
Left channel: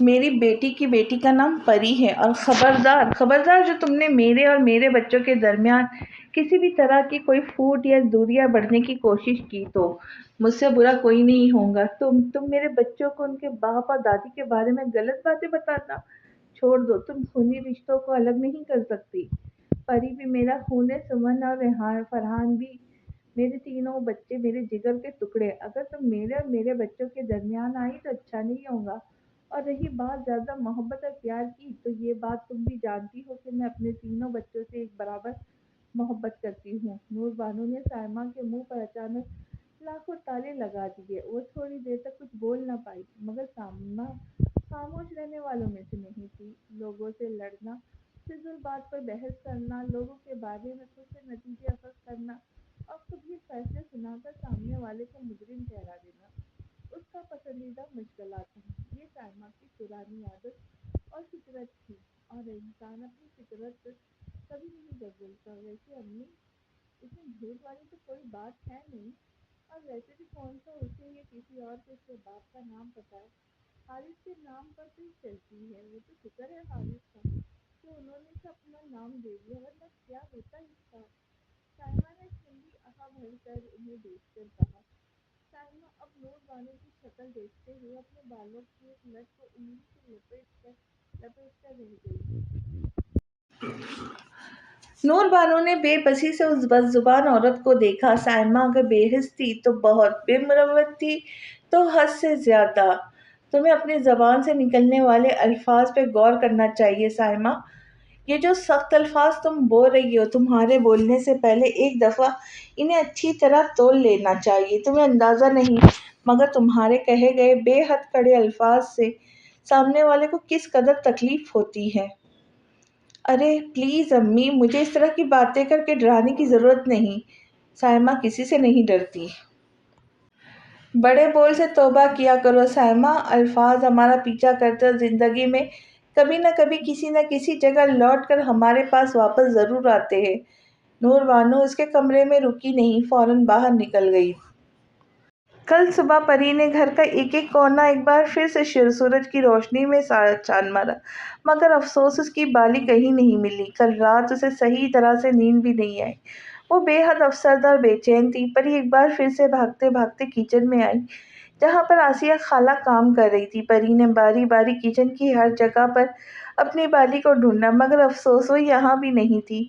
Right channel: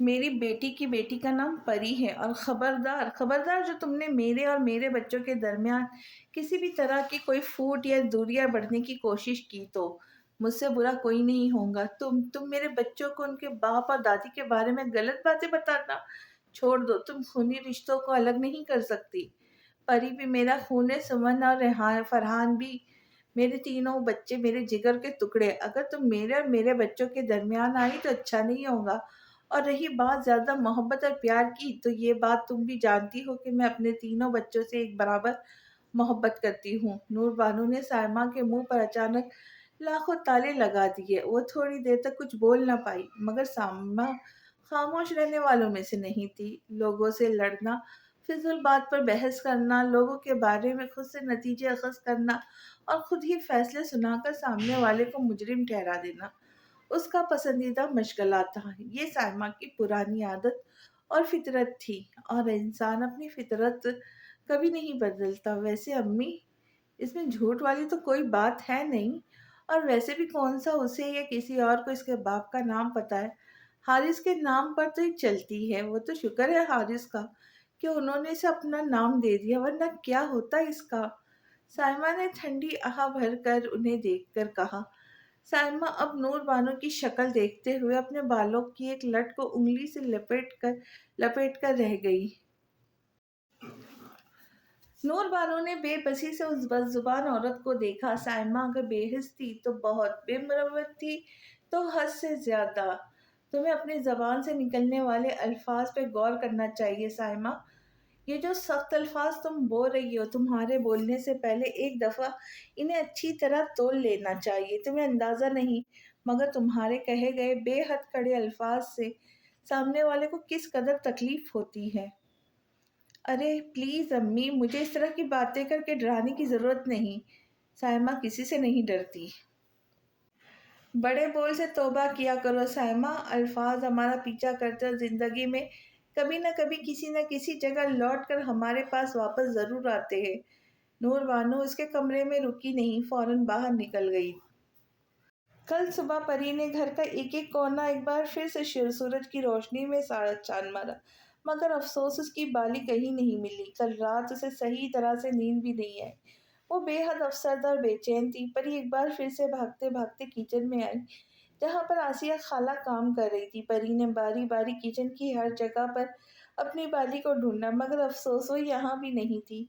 میری بیٹی کی بیٹی کا نام پری ہے، اور خبردار خبردار، جو تم نے میرے اور میرے بچوں کے درمیان کسی بھی طرح کی کوئی پھوٹ یا دوریاں بڑھنے کی کوشش کی تو مجھ سے برا کوئی نہیں ہوگا۔ تم میرے بچوں کو ان کے باپ اور دادی کے بارے میں غلط باتیں بتانا چھوڑ دو۔ تم خونی رشتوں کو الگ نہیں کر سکتی۔ پری بھی میرا خون ہے، سمن اور فرحان بھی میرے تینوں بچے میرے جگر کے ٹکڑے۔ اگر تم میرے اور میرے بچوں کے درمیان آئی تو اچھا نہیں ہوگا۔ اور رہی بات زیادہ محبت اور پیار کی، تو یہ بات تم بھی جانتی ہو کہ میں اپنے تینوں بچوں سے ایک برابر محبت کرتی ہوں۔ نور بانو نے سائمہ کے منہ پر اچانک لاکھوں تالے لگا دیے۔ وہ تھوڑی دیر تک کچھ بول نہ پائی، مگر سائمہ خاموش رہنے والوں میں سے نہیں تھی۔ لوگوں سے لڑنا، فضول بات پر بحث کرنا، لوگوں کے بارے میں خود سے نتیجے اخذ کرنا اور خود ہی فیصلے سنا کر سامنے والے کو مجرم ٹھہرا دینا اس کا پسندیدہ مشغلہ تھا۔ یہ سائمہ کی پرانی عادت اور فطرت تھی، اور انسان اپنی فطرت کبھی نہیں بدلتا۔ ویسے امی، اس میں جھوٹ والی تو کوئی بات ہے نہیں، اور ویسے بھی کون سا اسے یا کسی اور کو اس کے باپ کا نام پتا ہے؟ حارث کے نام پر تو یہ چلتی ہے۔ وہ تو شکر ہے حارث کا کہ انہوں نے اسے اپنا نام دے دیا، ورنہ کیا ہوتا اس کا؟ سائمہ نے ٹھنڈی آہ بھر کر انہیں دیکھ کر کہا۔ سائمہ اب نور بانو کی شکل دیکھتے ہوئے اپنے بالوں کی ایک لٹ کو انگلی سے لپیٹ کر رہ گئی۔ نور بانو نے بے بسی سے اس بد زبان عورت کو دیکھا۔ سائمہ اگر بے حس تھی تو بہت، بے مروت تھی تو حد سے زیادہ۔ تمہیں اپنی زبان سے نکلنے والے الفاظ پہ غور کرنا چاہیے سائمہ۔ یہ جو سخت الفاظ تم بول رہی ہو، تمہارے بولنے سے پہلے ایک دفعہ انہیں اچھی طرح تول لینا چاہیے۔ تمہیں اندازہ نہیں، مگر تمہارے کہے گئے بے حد کڑے الفاظ سے سامنے والے کو کس قدر تکلیف ہوتی ہے۔ ارے پلیز امی، مجھے اس طرح کی باتیں کر کے ڈرانے کی ضرورت نہیں۔ سائمہ کسی سے نہیں ڈرتی۔ بڑے بول سے توبہ کیا کرو سائمہ۔ الفاظ ہمارا پیچھا کرتے اور زندگی میں کبھی نہ کسی جگہ لوٹ کر ہمارے پاس واپس ضرور آتے ہیں۔ نور بانو اس کے کمرے میں رکی نہیں، فوراً باہر نکل گئی۔ کل صبح پری نے گھر کا ایک ایک کونا ایک بار پھر سے سورج کی روشنی میں چھان مارا، مگر افسوس اس کی بالی کہیں نہیں ملی۔ کل رات اسے صحیح طرح سے نیند بھی نہیں آئی۔ وہ بے حد افسردہ اور بے چین تھی۔ پری ایک بار پھر سے بھاگتے بھاگتے کچن میں آئی، جہاں پر آسیہ خالہ کام کر رہی تھی۔ پری نے باری باری کچن کی ہر جگہ پر اپنی بالی کو ڈھونڈا، مگر افسوس وہ یہاں بھی نہیں تھی۔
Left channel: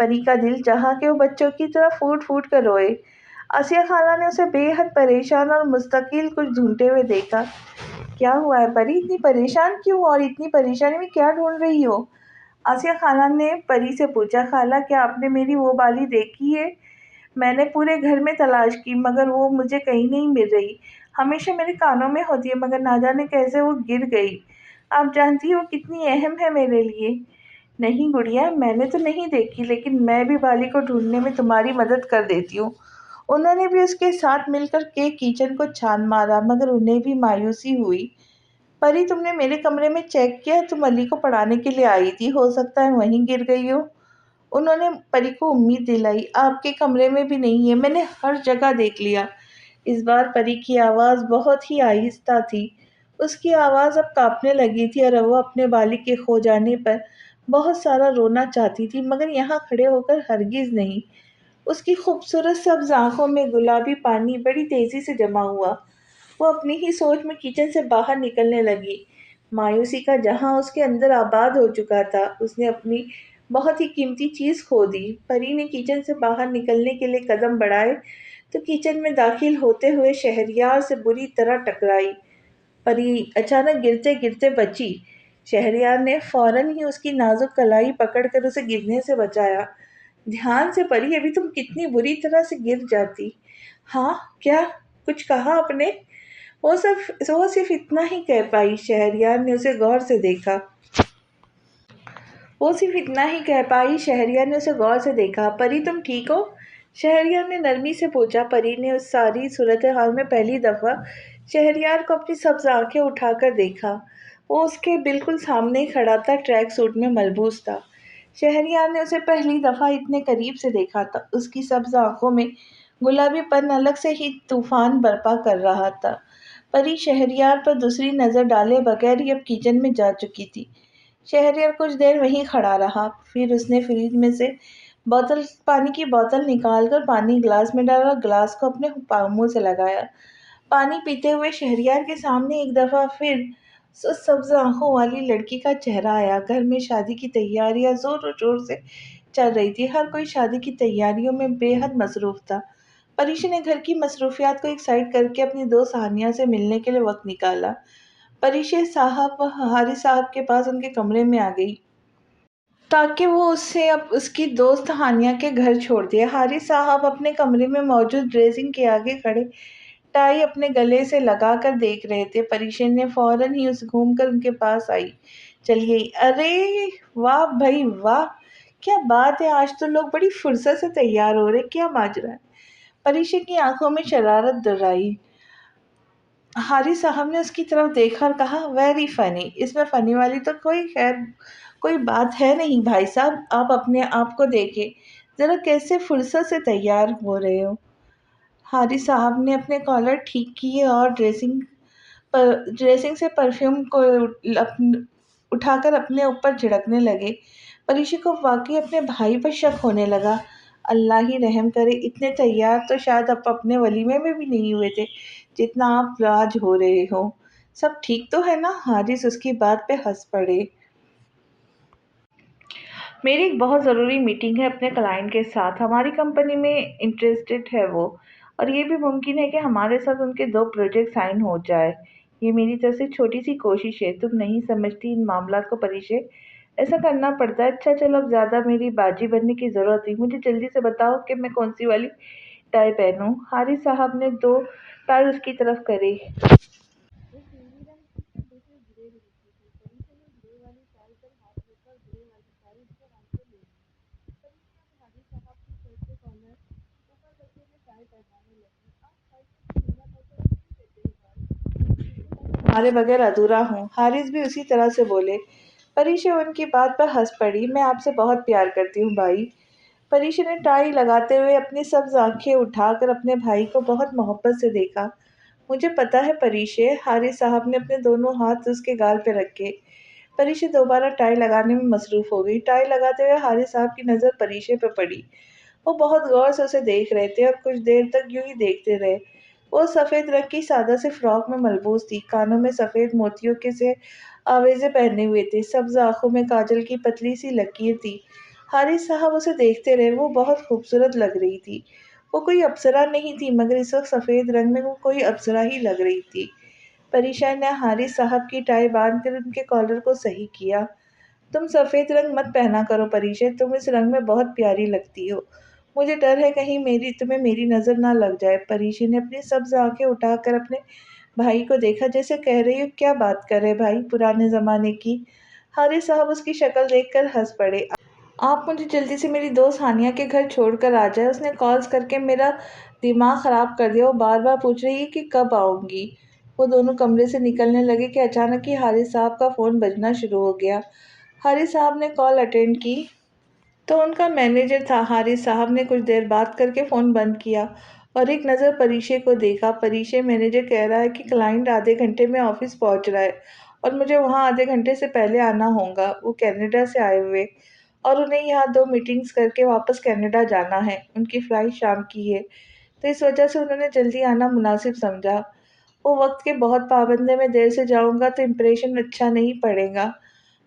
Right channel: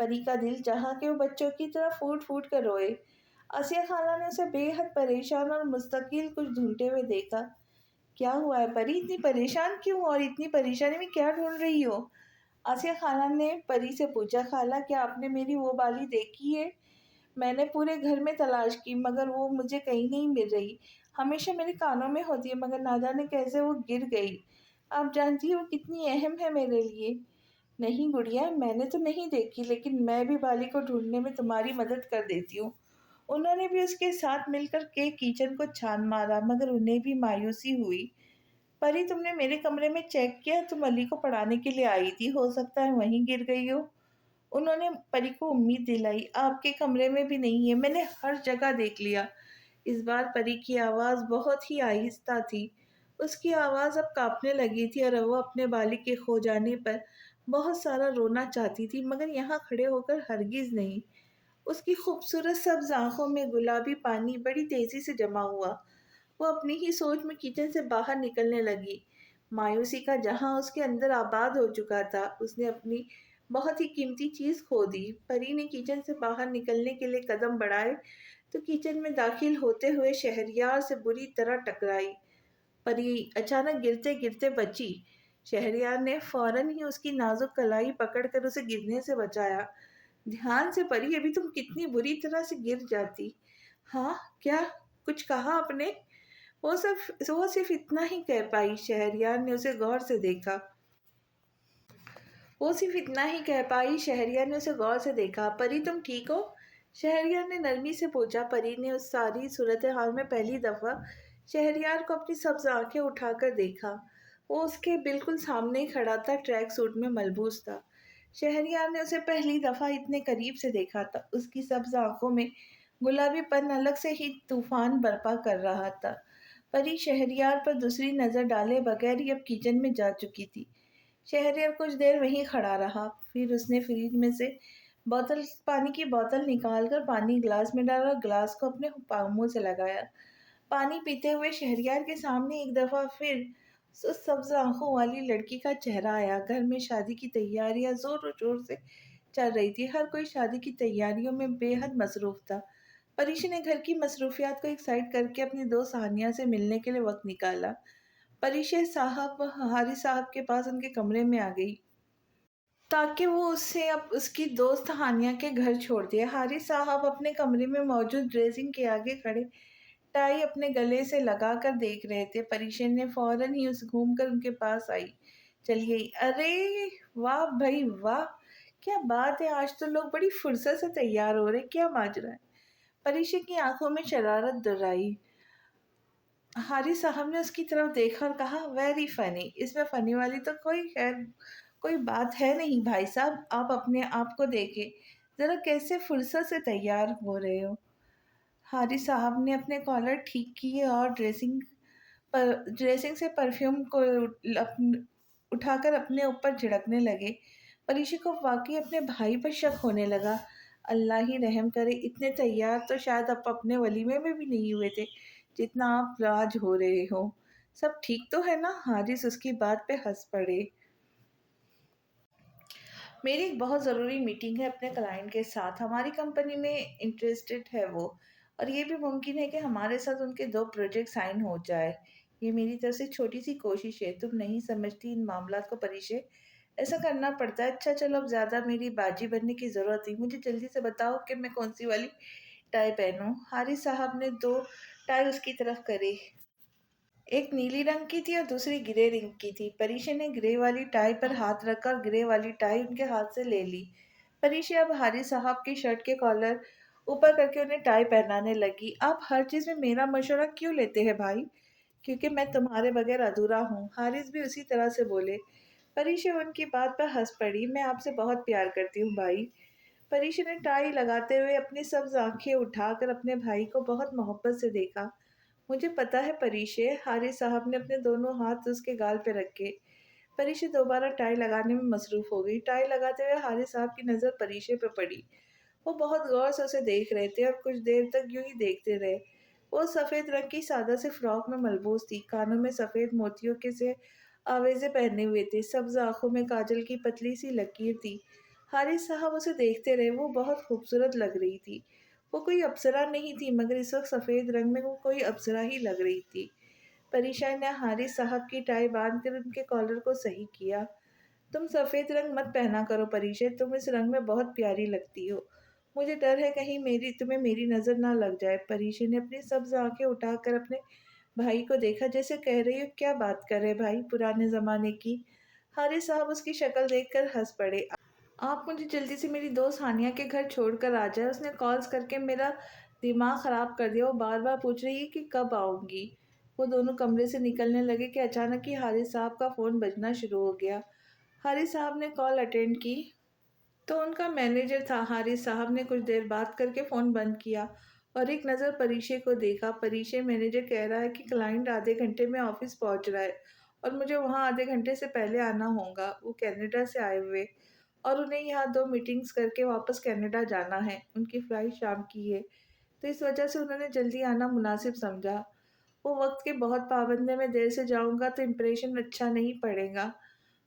پری کا دل چاہا کہ وہ بچوں کی طرح پھوٹ پھوٹ کر روئے۔ آسیہ خالہ نے اسے بے حد پریشان اور مستقل کچھ ڈھونڈتے ہوئے دیکھا۔ کیا ہوا ہے پری، اتنی پریشان کیوں، اور اتنی پریشانی میں کیا ڈھونڈ رہی ہو؟ آسیہ خالہ نے پری سے پوچھا۔ خالہ، کیا آپ نے میری وہ بالی دیکھی ہے؟ میں نے پورے گھر میں تلاش کی، مگر وہ مجھے کہیں نہیں مل رہی۔ ہمیشہ میرے کانوں میں ہوتی ہے، مگر نہ جانے کیسے وہ گر گئی۔ آپ جانتی ہیں وہ کتنی اہم ہے میرے لیے۔ نہیں گڑیا، میں نے تو نہیں دیکھی، لیکن میں بھی بالی کو ڈھونڈنے میں تمہاری مدد کر دیتی ہوں۔ انہوں نے بھی اس کے ساتھ مل کر کے کچن کو چھان مارا، مگر انہیں بھی مایوسی ہوئی۔ پری، تم نے میرے کمرے میں چیک کیا؟ تم علی کو پڑھانے کے لیے آئی تھی، ہو سکتا ہے وہیں گر گئی ہو۔ انہوں نے پری کو امید دلائی۔ آپ کے کمرے میں بھی نہیں ہے، میں نے ہر جگہ دیکھ لیا۔ اس بار پری کی آواز بہت ہی آہستہ تھی۔ اس کی آواز اب کانپنے لگی تھی، اور وہ اپنے بالی کے کھو جانے پر بہت سارا رونا چاہتی تھی، مگر یہاں کھڑے ہو کر ہرگز نہیں۔ اس کی خوبصورت سبز آنکھوں میں گلابی پانی بڑی تیزی سے جمع ہوا۔ وہ اپنی ہی سوچ میں کچن سے باہر نکلنے لگی۔ مایوسی کا جہاں اس کے اندر آباد ہو چکا تھا۔ اس نے اپنی بہت ہی قیمتی چیز کھو دی۔ پری نے کچن سے باہر نکلنے کے لیے قدم بڑھائے تو کچن میں داخل ہوتے ہوئے شہریار سے بری طرح ٹکرائی۔ پری اچانک گرتے گرتے بچی۔ شہریار نے فوراً ہی اس کی نازک کلائی پکڑ کر اسے گرنے سے بچایا۔ دھیان سے پری، ابھی تم کتنی بری طرح سے گر جاتی۔ ہاں کیا کچھ کہا آپ نے؟ وہ صرف اتنا ہی کہہ پائی۔ شہریار نے اسے غور سے دیکھا۔ پری، تم ٹھیک ہو؟ شہریار نے نرمی سے پوچھا۔ پری نے اس ساری صورتحال میں پہلی دفعہ شہریار کو اپنی سبز آنکھیں اٹھا کر دیکھا۔ وہ اس کے بالکل سامنے ہی کھڑا تھا، ٹریک سوٹ میں ملبوس تھا۔ شہریار نے اسے پہلی دفعہ اتنے قریب سے دیکھا تھا۔ اس کی سبز آنکھوں میں گلابی پن الگ سے ہی طوفان برپا کر رہا تھا۔ پری شہریار پر دوسری نظر ڈالے بغیر ہی اب کچن میں جا چکی تھی۔ شہریار کچھ دیر وہیں کھڑا رہا، پھر اس نے فریج میں سے پانی کی بوتل نکال کر پانی گلاس میں ڈالا اور گلاس کو اپنے منہ سے لگایا۔ پانی پیتے ہوئے شہریار کے سامنے ایک دفعہ پھر اس سبز آنکھوں والی لڑکی کا چہرہ آیا۔ گھر میں شادی کی تیاریاں زور و شور سے چل رہی تھی، ہر کوئی شادی کی تیاریوں میں بے حد مصروف تھا۔ پریشا نے گھر کی مصروفیات کو ایک سائڈ کر کے اپنی دوست ہانیہ سے ملنے کے لیے وقت نکالا۔ پریشا صاحب حارث صاحب کے پاس ان کے کمرے میں آ گئی تاکہ وہ اسے اب اس کی دوست ہانیہ کے گھر چھوڑ دے۔ حارث صاحب اپنے کمرے میں موجود ڈریسنگ کے آگے کھڑے ٹائی اپنے گلے سے لگا کر دیکھ رہے تھے۔ پریشا نے فوراً ہی اس گھوم کر ان کے پاس آئی چلی گئی۔ ارے واہ بھائی واہ، کیا بات ہے، آج تو لوگ بڑی فرصت سے تیار ہو رہے، کیا ماجرا ہے؟ پریشا کی آنکھوں میں شرارت دہرائی۔ حارث صاحب نے اس کی طرف دیکھا اور کہا، ویری فنی، اس میں فنی والی تو کوئی بات ہے نہیں بھائی صاحب، آپ اپنے آپ کو دیکھیں ذرا، کیسے فرصت سے تیار ہو رہے ہو۔ حارث صاحب نے اپنے کالر ٹھیک کیے اور ڈریسنگ سے پرفیوم کو اٹھا کر اپنے اوپر جھڑکنے لگے۔ پریشا کو واقعی اپنے بھائی پر شک ہونے لگا۔ اللہ ہی رحم کرے، اتنے تیار تو شاید آپ اپنے ولیمے میں بھی نہیں ہوئے تھے جتنا آپ آج ہو رہے ہو۔ سب ٹھیک تو ہے نا؟ حارث اس کی بات پہ ہنس پڑے۔ میری ایک بہت ضروری میٹنگ ہے اپنے کلائنٹ کے ساتھ، ہماری کمپنی میں انٹرسٹڈ ہے وہ، اور یہ بھی ممکن ہے کہ ہمارے ساتھ ان کے 2 پروجیکٹ سائن ہو جائے۔ یہ میری طرف سے چھوٹی سی کوشش ہے، تم نہیں سمجھتی ان معاملات کو پریشے، ایسا کرنا پڑتا ہے۔ اچھا چلو، اب زیادہ میری باجی بننے کی ضرورت نہیں، مجھے جلدی سے بتاؤ کہ میں کون سی والی ٹائی پہنوں۔ حارث صاحب نے 2 ٹائی اس کی طرف کری، ایک نیلی رنگ کی تھی اور دوسری گرے رنگ کی تھی۔ پریشا نے گرے والی ٹائی پر ہاتھ رکھا اور گرے والی ٹائی ان کے ہاتھ سے لے لی۔ پریشا اب حارث صاحب کی شرٹ کے کالر اوپر کر کے انہیں ٹائی پہنانے لگی۔ آپ ہر چیز میں میرا مشورہ کیوں لیتے ہیں بھائی؟ کیونکہ میں تمہارے بغیر ادھورا ہوں۔ حارث بھی اسی طرح سے بولے۔ پریشا ان کی بات پر ہنس پڑی۔ میں آپ سے بہت پیار کرتی ہوں بھائی۔ پریشا نے ٹائی لگاتے ہوئے اپنی سبز آنکھیں اٹھا کر اپنے بھائی کو بہت محبت سے دیکھا۔ مجھے پتا ہے پریشا، حارث صاحب نے اپنے دونوں ہاتھ اس کے گال پہ رکھے۔ پریشا دوبارہ ٹائی لگانے میں مصروف ہو گئی۔ ٹائی لگاتے ہوئے حارث صاحب کی نظر پریشا پہ پڑی۔ وہ بہت غور سے اسے دیکھ رہے تھے اور کچھ دیر تک یوں ہی دیکھتے رہے۔ وہ سفید رنگ کی سادہ سی فراک میں ملبوس تھی، کانوں میں سفید موتیوں کے سے آویزے پہنے ہوئے تھے، سبز آنکھوں میں کاجل کی پتلی سی لکیر تھی۔ حارث صاحب اسے دیکھتے رہے، وہ بہت خوبصورت لگ رہی تھی۔ وہ کوئی اپسرا نہیں تھی، مگر اس وقت سفید رنگ میں وہ کوئی اپسرا ہی لگ رہی تھی۔ پریشا نے حارث صاحب کی ٹائی باندھ کر ان کے کالر کو صحیح کیا۔ تم سفید رنگ مت پہنا کرو پریشا، تم اس رنگ میں بہت پیاری لگتی ہو، مجھے ڈر ہے کہیں تمہیں میری نظر نہ لگ جائے۔ پریشا نے اپنی سبز آنکھیں اٹھا کر اپنے بھائی کو دیکھا، جیسے کہہ رہی ہو کیا بات کر رہے بھائی، پرانے زمانے کی؟ حارث صاحب اس کی شکل دیکھ کر ہنس پڑے۔ آپ مجھے جلدی سے میری دوست ہانیہ کے گھر چھوڑ کر آ جائے، اس نے کالز کر کے میرا دماغ خراب کر دیا، وہ بار بار پوچھ رہی ہے کہ کب آؤں گی۔ وہ دونوں کمرے سے نکلنے لگے کہ اچانک ہی حارث صاحب کا فون بجنا شروع ہو گیا۔ حارث صاحب نے کال اٹینڈ کی تو ان کا مینیجر تھا۔ حارث صاحب نے کچھ دیر بات کر کے فون بند کیا اور ایک نظر پریشا کو دیکھا۔ پریشا، مینیجر کہہ رہا ہے کہ کلائنٹ آدھے گھنٹے میں آفس پہنچ رہا ہے اور مجھے وہاں آدھے گھنٹے سے پہلے آنا ہوگا۔ وہ کینیڈا سے آئے ہوئے اور انہیں یہاں 2 میٹنگز کر کے واپس کینیڈا جانا ہے، ان کی فلائٹ شام کی ہے، تو اس وجہ سے انہوں نے جلدی آنا مناسب سمجھا۔ وہ وقت کے بہت پابند ہیں، میں دیر سے جاؤں گا تو امپریشن اچھا نہیں پڑے گا۔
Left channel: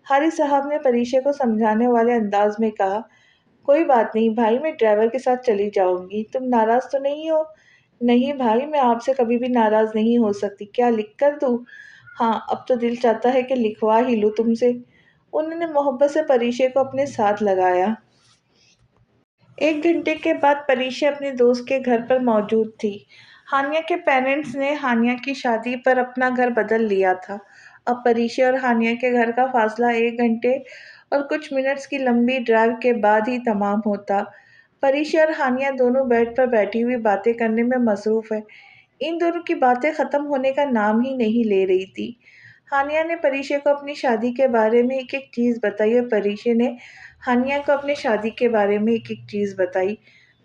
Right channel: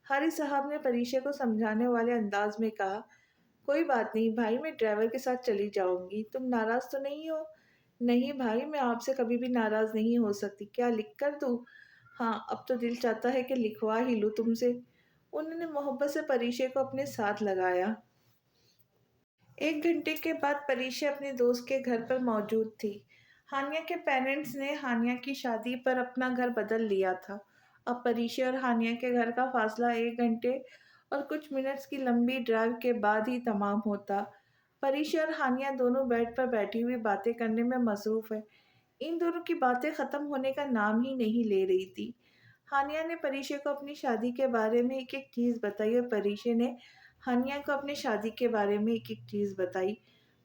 حارث صاحب نے پریشا کو سمجھانے والے انداز میں کہا، کوئی بات نہیں بھائی، میں ڈرائیور کے ساتھ چلی جاؤں گی، تم ناراض تو نہیں ہو؟ نہیں بھائی، میں آپ سے کبھی بھی ناراض نہیں ہو سکتی، کیا لکھ کر دوں؟ ہاں، اب تو دل چاہتا ہے کہ لکھوا ہی لوں تم سے۔ انہوں نے محبت سے پریشا کو اپنے ساتھ لگایا۔ 1 گھنٹے کے بعد پریشا اپنے دوست کے گھر پر موجود تھی۔ ہانیہ کے پیرنٹس نے ہانیہ کی شادی پر اپنا گھر بدل لیا تھا۔ اب پریشا اور ہانیہ کے گھر کا فاصلہ 1 گھنٹے اور کچھ منٹس کی لمبی ڈرائیو کے بعد ہی تمام ہوتا۔ پریشا اور ہانیہ دونوں بیڈ پر بیٹھی ہوئی باتیں کرنے میں مصروف ہیں۔ ان دونوں کی باتیں ختم ہونے کا نام ہی نہیں لے رہی تھی۔ ہانیہ نے پریشا کو اپنی شادی کے بارے میں ایک ایک چیز بتائی اور پریشا نے ہانیہ کو اپنی شادی کے بارے میں ایک ایک چیز بتائی۔